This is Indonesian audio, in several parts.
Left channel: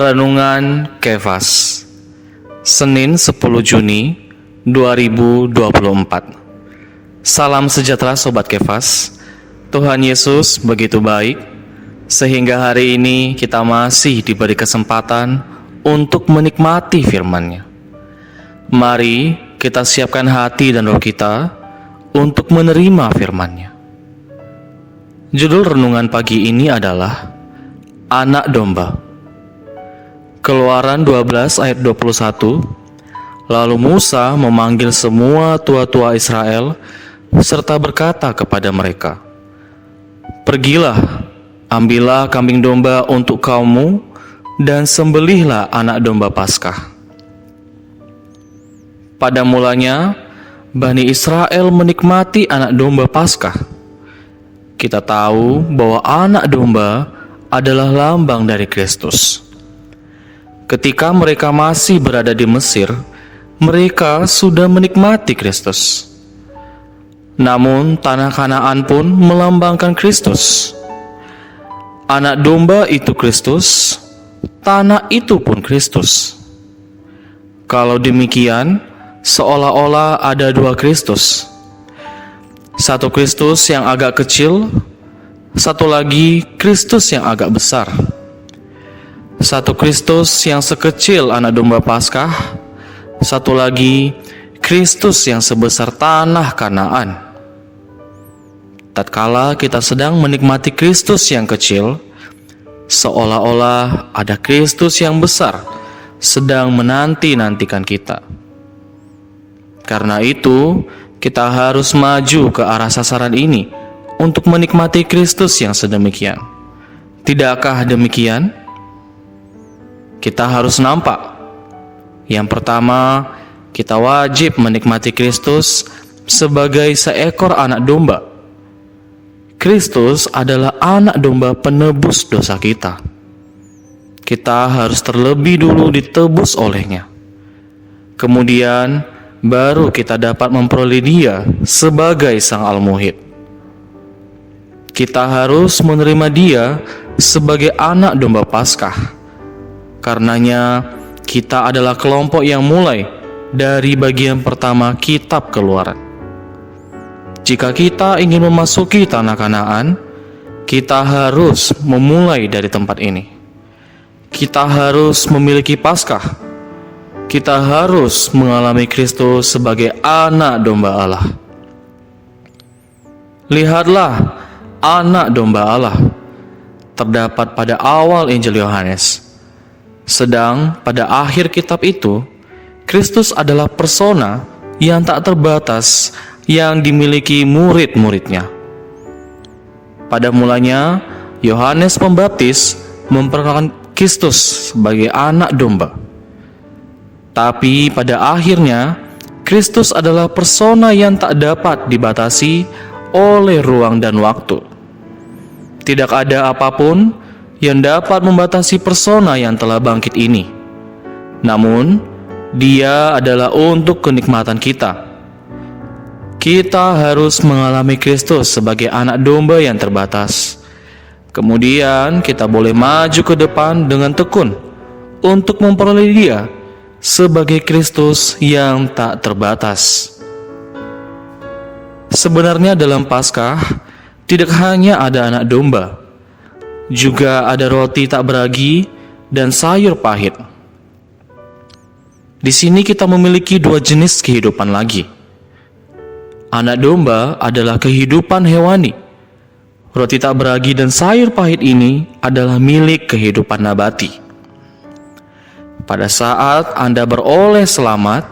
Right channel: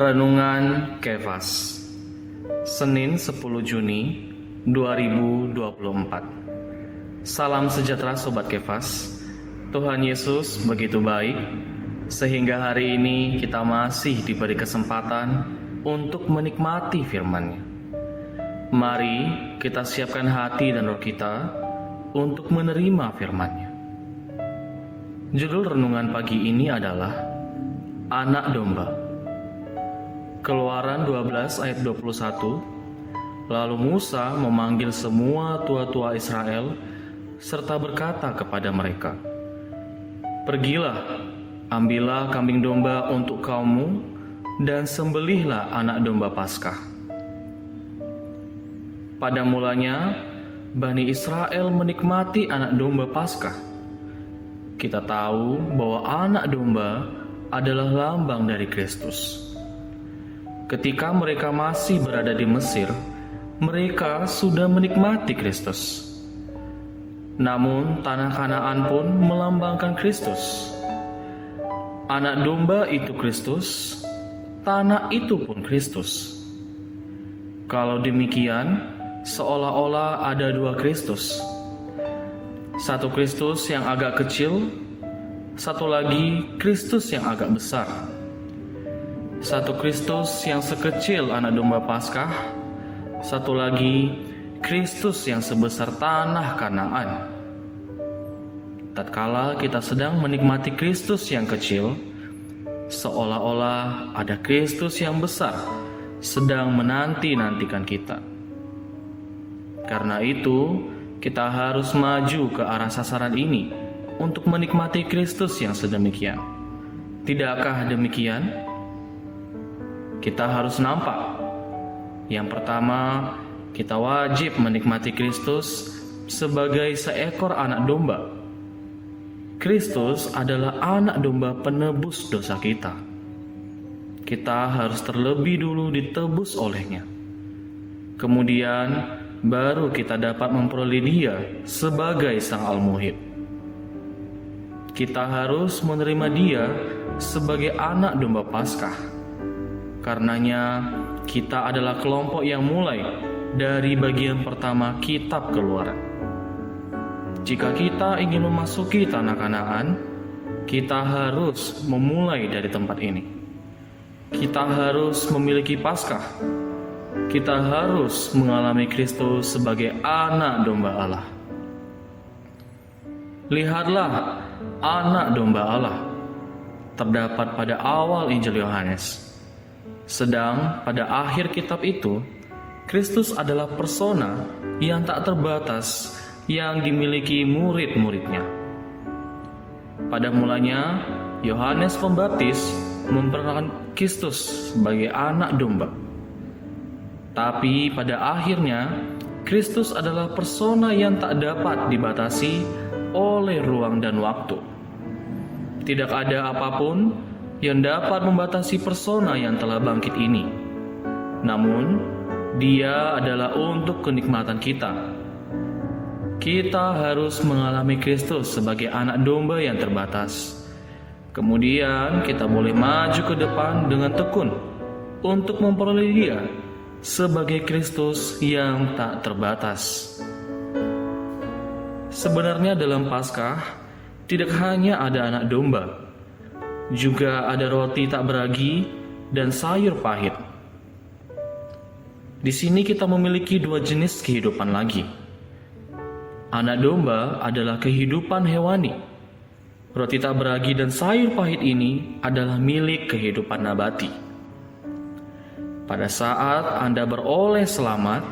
Renungan Kefas, Senin 10 Juni 2024. Salam sejahtera Sobat Kefas. Tuhan Yesus begitu baik, sehingga hari ini kita masih diberi kesempatan untuk menikmati firman-Nya. Mari kita siapkan hati dan roh kita untuk menerima firman-Nya. Judul renungan pagi ini adalah Anak Domba. Keluaran 12 ayat 21. Lalu Musa memanggil semua tua-tua Israel serta berkata kepada mereka, "Pergilah, ambillah kambing domba untuk kaummu dan sembelihlah anak domba Paskah." Pada mulanya Bani Israel menikmati anak domba Paskah. Kita tahu bahwa anak domba adalah lambang dari Kristus. Ketika mereka masih berada di Mesir, mereka sudah menikmati Kristus. Namun tanah Kanaan pun melambangkan Kristus. Anak domba itu Kristus, tanah itu pun Kristus. Kalau demikian, seolah-olah ada dua Kristus. Satu Kristus yang agak kecil, satu lagi Kristus yang agak besar. Satu Kristus yang sekecil anak domba Paskah, satu lagi Kristus yang sebesar tanah Kanaan. Tatkala kita sedang menikmati Kristus yang kecil, seolah-olah ada Kristus yang besar sedang menanti-nantikan kita. Karena itu, kita harus maju ke arah sasaran ini untuk menikmati Kristus yang sedemikian. Tidakkah demikian? Kita harus nampak. Yang pertama, kita wajib menikmati Kristus sebagai seekor anak domba. Kristus adalah anak domba penebus dosa kita. Kita harus terlebih dulu ditebus olehnya. Kemudian, baru kita dapat memperoleh Dia sebagai Sang Al-Muhid. Kita harus menerima Dia sebagai anak domba Paskah. Karenanya, kita adalah kelompok yang mulai dari bagian pertama kitab Keluaran. Jika kita ingin memasuki tanah Kanaan, kita harus memulai dari tempat ini. Kita harus memiliki Paskah. Kita harus mengalami Kristus sebagai anak domba Allah. Lihatlah, anak domba Allah terdapat pada awal Injil Yohanes. Sedang pada akhir kitab itu, Kristus adalah persona yang tak terbatas yang dimiliki murid-muridnya. Pada mulanya, Yohanes Pembaptis memperkenalkan Kristus sebagai anak domba. Tapi pada akhirnya, Kristus adalah persona yang tak dapat dibatasi oleh ruang dan waktu. Tidak ada apapun yang dapat membatasi persona yang telah bangkit ini. Namun, Dia adalah untuk kenikmatan kita. Kita harus mengalami Kristus sebagai anak domba yang terbatas. Kemudian kita boleh maju ke depan dengan tekun untuk memperoleh Dia sebagai Kristus yang tak terbatas. Sebenarnya dalam Paskah tidak hanya ada anak domba, juga ada roti tak beragi dan sayur pahit. Di sini kita memiliki dua jenis kehidupan lagi. Anak domba adalah kehidupan hewani. Roti tak beragi dan sayur pahit ini adalah milik kehidupan nabati. Pada saat Anda beroleh selamat,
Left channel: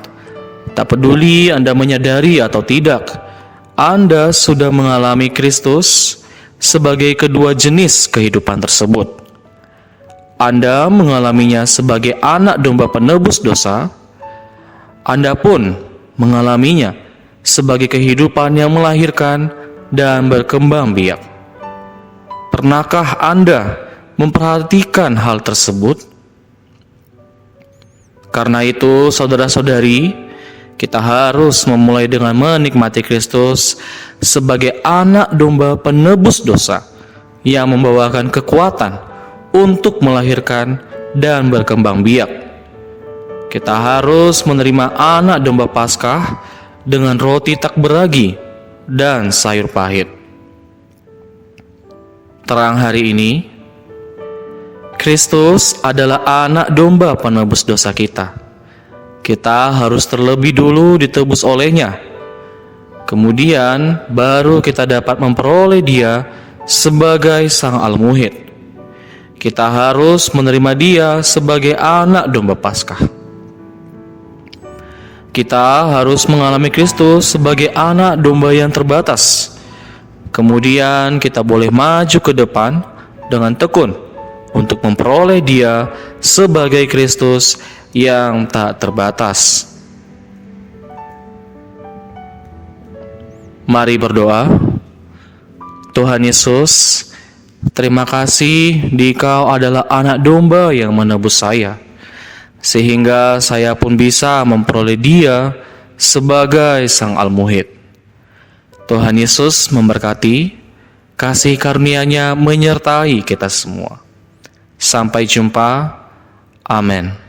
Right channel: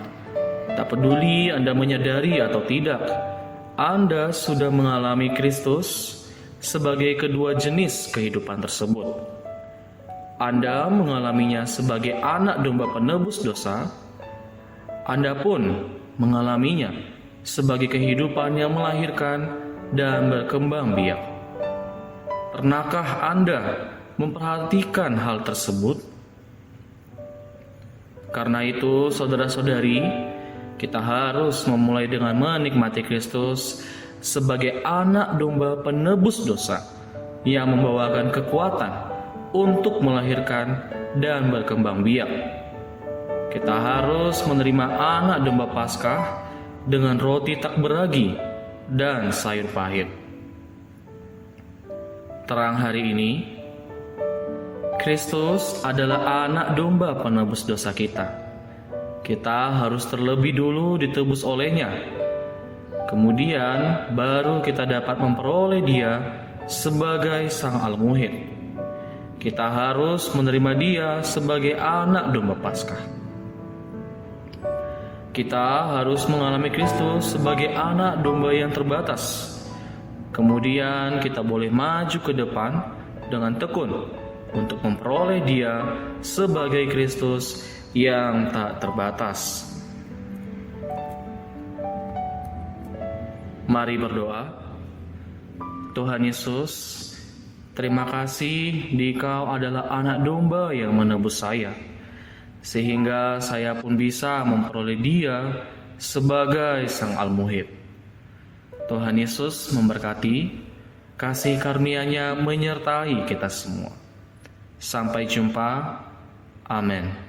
tak peduli Anda menyadari atau tidak, Anda sudah mengalami Kristus sebagai kedua jenis kehidupan tersebut. Anda mengalaminya sebagai anak domba penebus dosa. Anda pun mengalaminya sebagai kehidupan yang melahirkan dan berkembang biak. Pernahkah Anda memperhatikan hal tersebut? Karena itu, saudara-saudari, kita harus memulai dengan menikmati Kristus sebagai anak domba penebus dosa yang membawakan kekuatan untuk melahirkan dan berkembang biak. Kita harus menerima anak domba Paskah dengan roti tak beragi dan sayur pahit. Terang hari ini, Kristus adalah anak domba penebus dosa kita. Kita harus terlebih dulu ditebus olehnya. Kemudian baru kita dapat memperoleh Dia sebagai Sang Al-Muhid. Kita harus menerima Dia sebagai anak domba Paskah. Kita harus mengalami Kristus sebagai anak domba yang terbatas. Kemudian kita boleh maju ke depan dengan tekun untuk memperoleh Dia sebagai Kristus yang tak terbatas. Mari berdoa. Tuhan Yesus, terima kasih Dikau adalah anak domba yang menebus saya, sehingga saya pun bisa memperoleh Dia sebagai Sang Al-Muhid. Tuhan Yesus memberkati, kasih karunia-Nya menyertai kita semua. Sampai jumpa. Amin.